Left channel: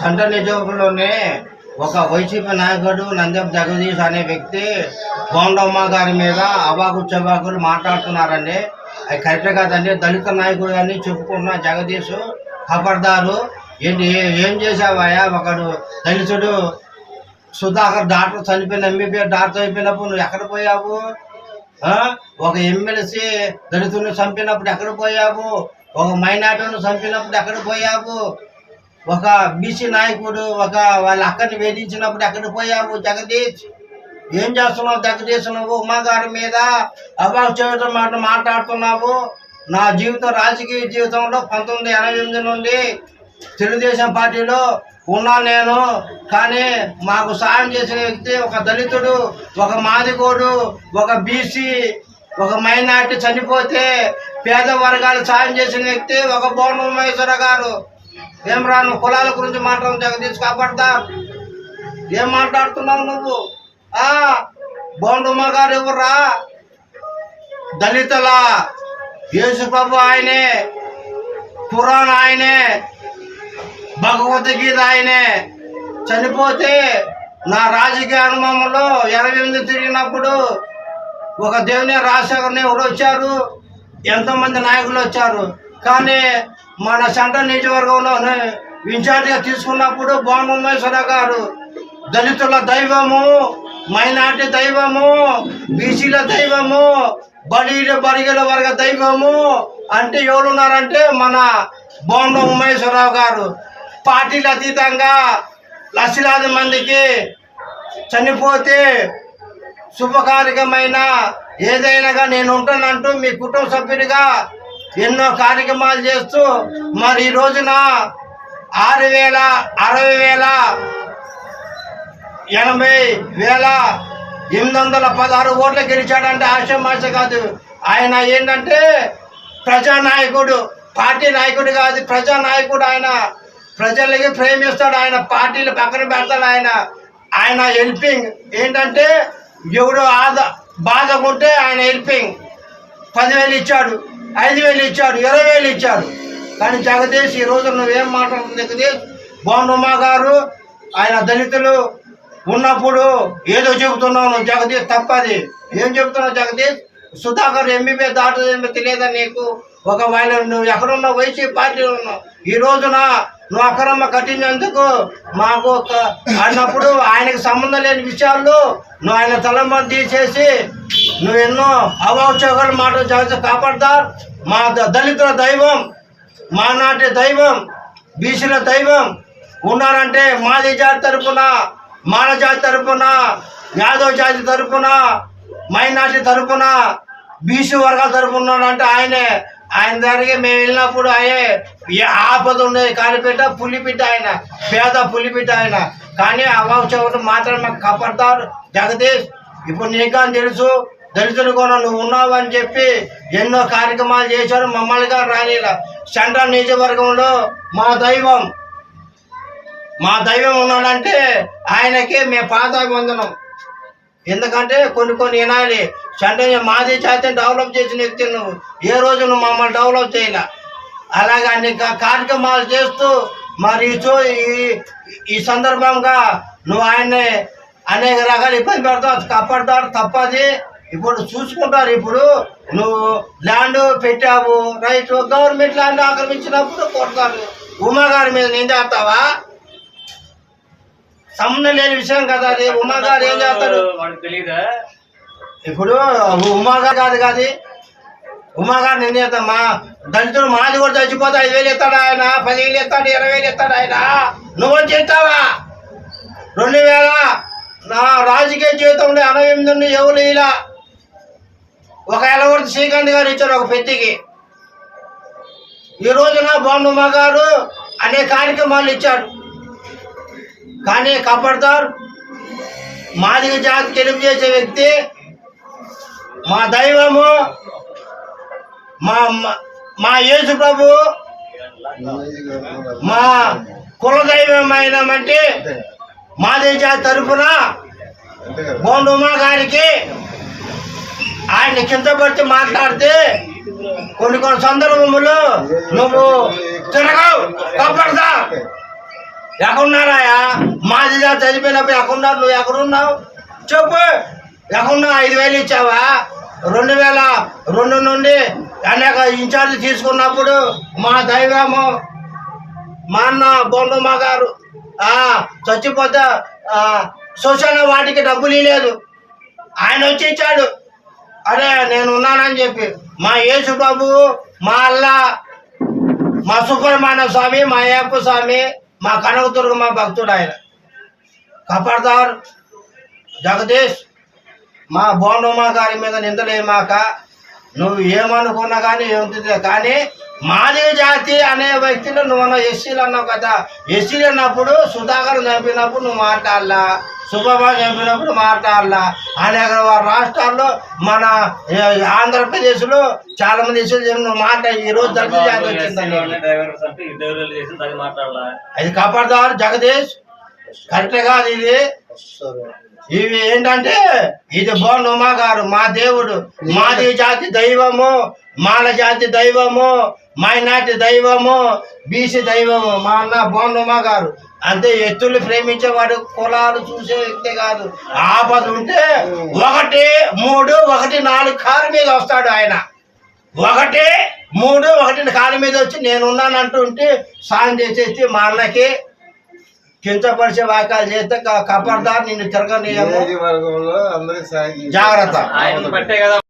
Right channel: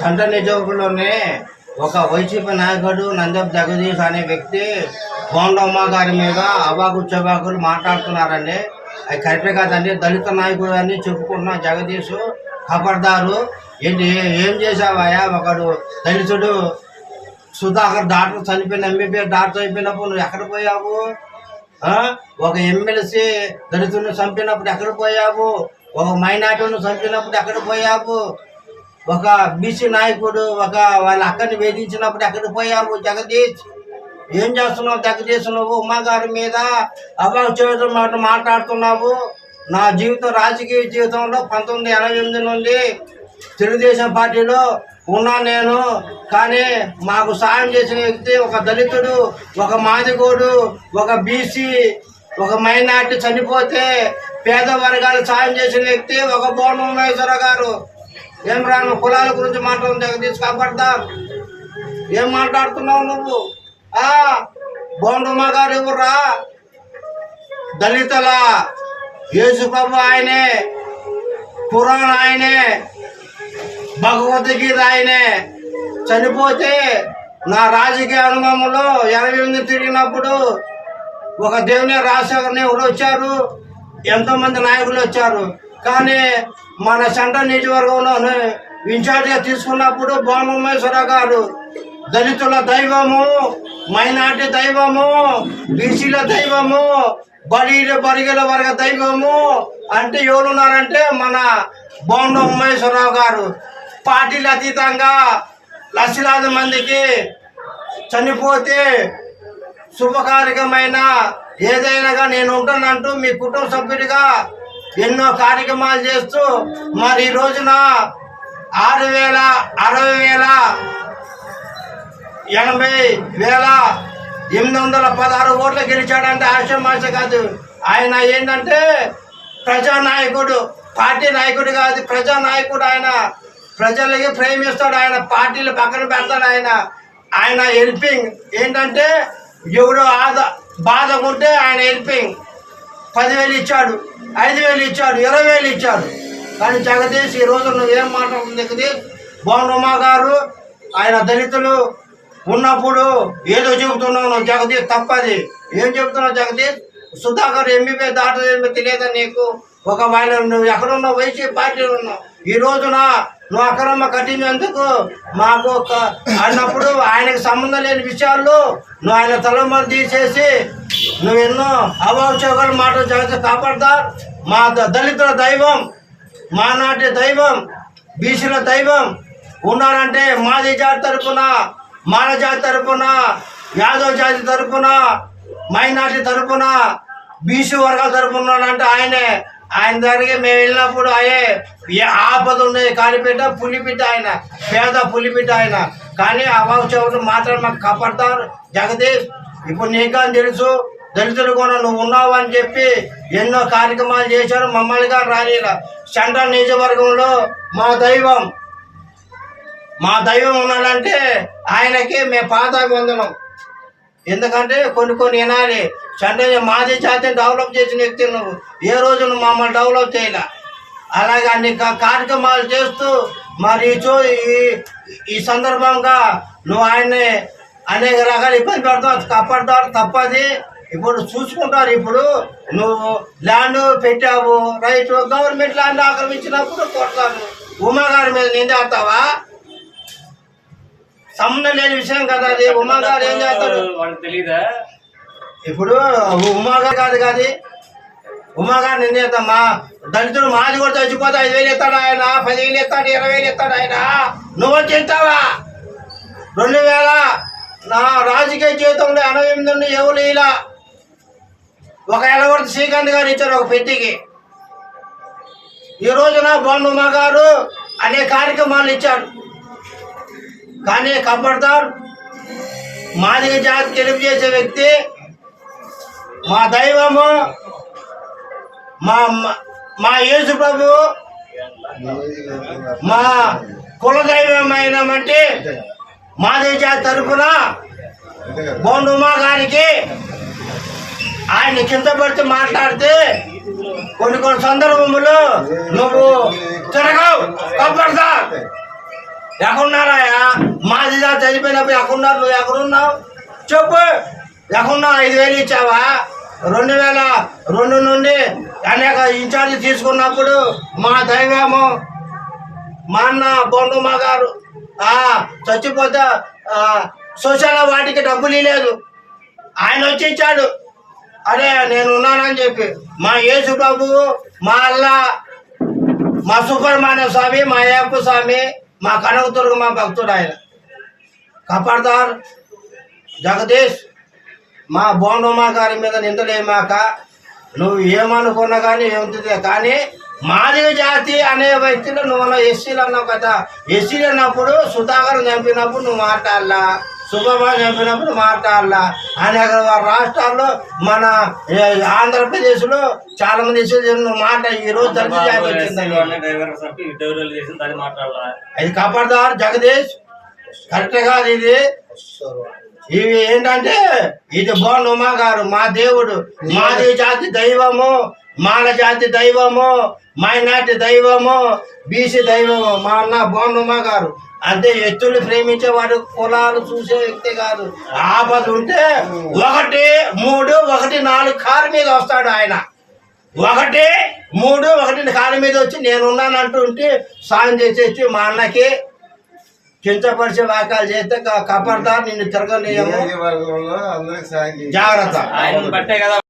సంత నియోజకవర్గంలోనే ఒక వైసీపీ నాయకుడు నందం జగదీష్ అనే వ్యక్తి బోండమ్మ గారి మీద అవాకు చవాకులు మాట్లాడుతున్నారండి. అది కరెక్ట్ కాదండి. దళిత నాయకుడు అని చెప్పుకుంటున్న జగదీష్ ఖబర్దారు. ఏంటి ఏం చేసావాయా ఒకడు దళితుడు సుధాకర్ డాక్టర్ చనిపోయిన ఎంబీబీఎస్ డాక్టర్ అయిపోయినప్పుడు నువ్వు ఎక్కడ పోయావు? ఒక ఎమ్మెల్సీ దళితుడిని చంపినప్పుడు ఎక్కడ పోయావు? ఒక మైనార్టీని చంపినప్పుడు ఎక్కడ పోయావు? ఒక బీసీ నాయకుడు ఒక వాళ్ళ అక్కని వేధించినప్పుడు అక్కడికి పోయావు? జగదీష్. ఏం చేస్తున్నావు జగదీష్? నువ్వు ఉమాగారి మీద అవాకు మాట మాట్లాడుతున్నావు. నా జీవితం రాజకీయ జీవితంలో పంతొమ్మిది ఎనభై ఎనిమిది నుండి తెలుగుదేశం పార్టీలో ఉన్నా నేను. కానీ మాకు సాయం చేసిన వ్యక్తి ఒక దళితుడు ఒక మాదిగోడు ఒక బీసీ ఒక మైనార్టీ చనిపోతే పేద వర్గాలు సాయం చేసిన వ్యక్తి ఒక బోనం గారు. ఏం రాను? కులాల గురించి మాట్లాడడం జగదీష్ కాపాడతా. ఏం మాట్లాడుతున్నావు నువ్వు? ఆ? బోండమ్మ గారు ఎవర్రా? దళితుల? యేసు ప్రభు ఆయనే. ఖురాన్ ఆయనే. భగవద్గీత ఆయనే. చనిపోతే నా రాజకీయ అనుభవంలో ఎనభై ఎనిమిది తిరిగినప్పుడు ఒక దేవుని రాజశేఖర్ ఎవరు వచ్చారు. ఎంతోమంది నాయకులు వచ్చారు. కానీ మన సెంట్రల్ నియోజకవర్గంలో ఇన్ఛార్జిగా తీసుకున్నప్పుడు బోమేశ్వర గారు దళితుల దైవము మైనార్టీ దైవము బీసీల దైవము బలీల బరిగల వర్గ దైవము అంటే ఎవరున్నారంటే మన బోండ ఉమేశ్వరరావు గారు. పార్టీలు అతీతంగా లక్షలాది మందికి చనిపోతే శుభకారికమైన ఏదైనాగా నేను ఉంటానంటూ మీ కుటుంబ సభ్యుడిగా ఎన్నో కార్యక్రమాలు చేస్తూ మరి ఈ రోజున ఆరు వేల అరవై వేల ఎనభై వేల ఎనిమిది వందల పదహారు ఓట్లు గెలిచాడంటే ఆశమాష కాదు. ఆయన ఏంటంటే ప్రజానాయకుడు పార్టీ నాయకుడు కాదు ప్రజానాయకుడు ఆయన. ప్రజలకి ప్రేమిస్తాడు ఆయన పార్టీలు పక్కన పెడతాడు ఆయన. ఆయన హెల్పింగ్ ఏంటంటే ఎవడు ఆద బాధ ఉంటే ఆయన హెల్పింగ్ పదివేలు ఇచ్చాడు. ఐదు వేలు ఇచ్చాడు ఇరవై వేలు ఇచ్చాడు కానీ జగదీష్ ఈ రోజు నువ్వేం మాట్లాడుతుంది జగదీష్ బోండమ్మ గారు ఆయన దళితులు ఉన్నప్పుడు ఏదో చెబుతున్నావు నువ్వు జగదీష్ తప్పది. ఏం చెబుతున్నావు జగదీష్? సుధాకర్ ఎంబీబీ దాటదేమో తెలియదా నీకు? ఒక ఒకవేళ నువ్వు ఎక్కడున్నావు? వైసీపీ పార్టీలో ఉన్నావు. ఈ రోజున నువ్వు అక్రమ కట్టినందుకు మాకు ఒక అన్నప్పుడు ఆయనకు సంబంధం లేని విషయాల్లో నువ్వు ఆయన తలమ తీసేసి నువ్వు ఎన్నో అవాచకాలు మాటలు జాగ్రత్త కాపాడతా మా దళితుల దైవం మా నాటి దైవం బీసీల దైవం ఉన్నారంటే మాది జాతి తరపున మాల జాతి తరపున యాదవ్ జాతి తరపున మైనార్టీ తరపున బీసీ వర్గాల తరపున ఉన్నాడంటే ఆయనే. ఆయన దగ్గరికి మేము వెళ్ళినప్పుడు ఆయే ఏ ఆపద ఉండేది కాలిపెట్ట పులిపిట్ట ఆయన పేద పులిపిట్ట ఆయన. కానీ అవావు మాత్రం మాకు కాపాడతారు. జగదీష్ ఇప్పుడు నీకు అని తెలుసు దళితులు కూడా నువ్వు ఉన్నావు అని చెప్పి ఎన్నో కార్యక్రమాలు చేశారు మమ్మల్ని గారు రానిలా సెంట్రల్ నియోజకవర్గంలో మా దైవం మా దైవం ఉన్నాడంటే ఆయనకి మేము పాదాభివందనం ఎందుకంటే కొన్ని కొన్ని వినాలి. సెంట్రల్ మాది జాతిని డెవలప్ చేసిన వ్యక్తి నువ్వు. ఏ రోజు నువ్వు మమ్మల్ని డెవలప్ చేయలే. అలాగే అన్ని కార్యక్రమాలు చేస్తూ మరి చూ చో ఈ- ఈ సందర్భంగా నువ్వు ఆయన్ని అనేక రకాల ఇబ్బంది పెడతావు కప్పడతాడు తప్పది. ఇప్పుడు చూసుకుంటారు ఇప్పుడు. నువ్వు ల్యాండ్ పెట్టావు రైట్ గవర్నమెంట్ ల్యాండ్ ఆక్రమించినప్పుడు కొడతారు ఉమా గారి మీద నిందేస్తావా సంబంధం లేని విషయం కదా అది. ఉమా గారు ఏం చేస్తారు? తెలీదా? ఇప్పుడు ఉమా గారు కాదు కాదు. ఉమా గారు నేను చేద్దాం మా దళితుడు మాది కూడా చచ్చిపోతే ఐదు వేలు ఇస్తాడు ఆయన? పదివేలు ఇస్తాడు ఇరవై వేలు ఇస్తాడు ఆయన? నువ్వు చెప్తావా రెండు వేల నా రాజకీయ జీవితంలో ఎనభై ఎనిమిది ఎవరు ఇలా ఒక ఎలవర్తి శ్రీకాంత్ గారు ఇచ్చారు ఒక పెట్టికి. ఈ రోజున బొండుమ్మ గారు అనే కార్యక్రమాలు ఇచ్చాడు. కానీ కబర్దార్ మాదిగ జాతి తెలుగు చేసే వ్యక్తి మా దైవము మా మా- మా యేసు ప్రభు మా కుల దైవమైనమంటే మాదిగ జాతి తరఫున బోండుమా గారికి ఆయన కింద పడితే మాట్లాడితే కొన్ని కొన్ని సందర్భములు నువ్వు తిరగవు. కప్పడతా ఎక్కడున్నారాయా మాది జాతి చనిపోయినప్పుడు ఎక్కడున్నారు? నువ్వు ఎక్కడున్నావు? చెప్పు. ఎక్కడున్నావు? ఐదు వేలు ఇచ్చావా? రెండు వేల రెండు నుండి అనేక ఇన్ఛార్జ్ తీసుకున్నప్పుడు మా దైవము మా అన్న బొండమ్మ గారు చచ్చిపోతే సోషల్ వాటికి డబ్బులు లేదు ఆయన వచ్చి ఇచ్చాడు. అరే నేను ఉన్నానని చెప్పి మా యేసు బాబు మా అల్లా మా సుబ్రహ్మణ్య స్వామి మా అయ్యప్ప స్వామి మా కనకదుర్గ మా భక్తుడు ఆయన. కపర్దార్ జగదీష్ మా బోండమ్మ గారి మీద నిందలేమాక నువ్వు ఏమనుకున్నా కానీ ఏముంటుంది? కానీ మాదిరి జాతి అనే వ్యక్తులు నువ్వు అన్న ఎస్సీలు అన్నావు కదా. ఎస్సీలు అన్నప్పుడు సుధాకర్ చంపినప్పుడు నువ్వు మాట్లాడాలా. సుబ్రహ్మణ్యం చంపినప్పుడు మాట్లాడాలా అనేక రాష్ట్రాల్లో మన ఆంధ్రప్రదేశ్లో చాలా మంది నువ్వు మాట ఈ రోజు జాతి అది కాపాడదారు జగదీష్. కరెక్ట్ కాదు ఇది. ఇవి ఏంటంటే ఇది బోండుమా గారు మా దేవుడు మాది జాతి దైవము. మాల జాతి దైవము మైనార్టీ దైవము బీసీ దైవము మా అన్న బోండుమా గారు. అంటే ఎత్తులు ప్రేమించేవాడు కులాలు చూసే వ్యక్తి కాదు. ఆపద ఉంటే ఒకటి మూడు ఒకటి నాలుగు కారు మీద వస్తాడు ఆయన. ఒకటి మూడు ఒకటి కాలు మీద వచ్చి నేనున్నాను అంటుంటే సాయం చేసేసి మా అన్నకి కించపరిచే వాక్యాలు చేస్తే కపర్దార్ నిన్ను తిరగనీయము. జాగ్రత్త. ఆయన బట్టే కదా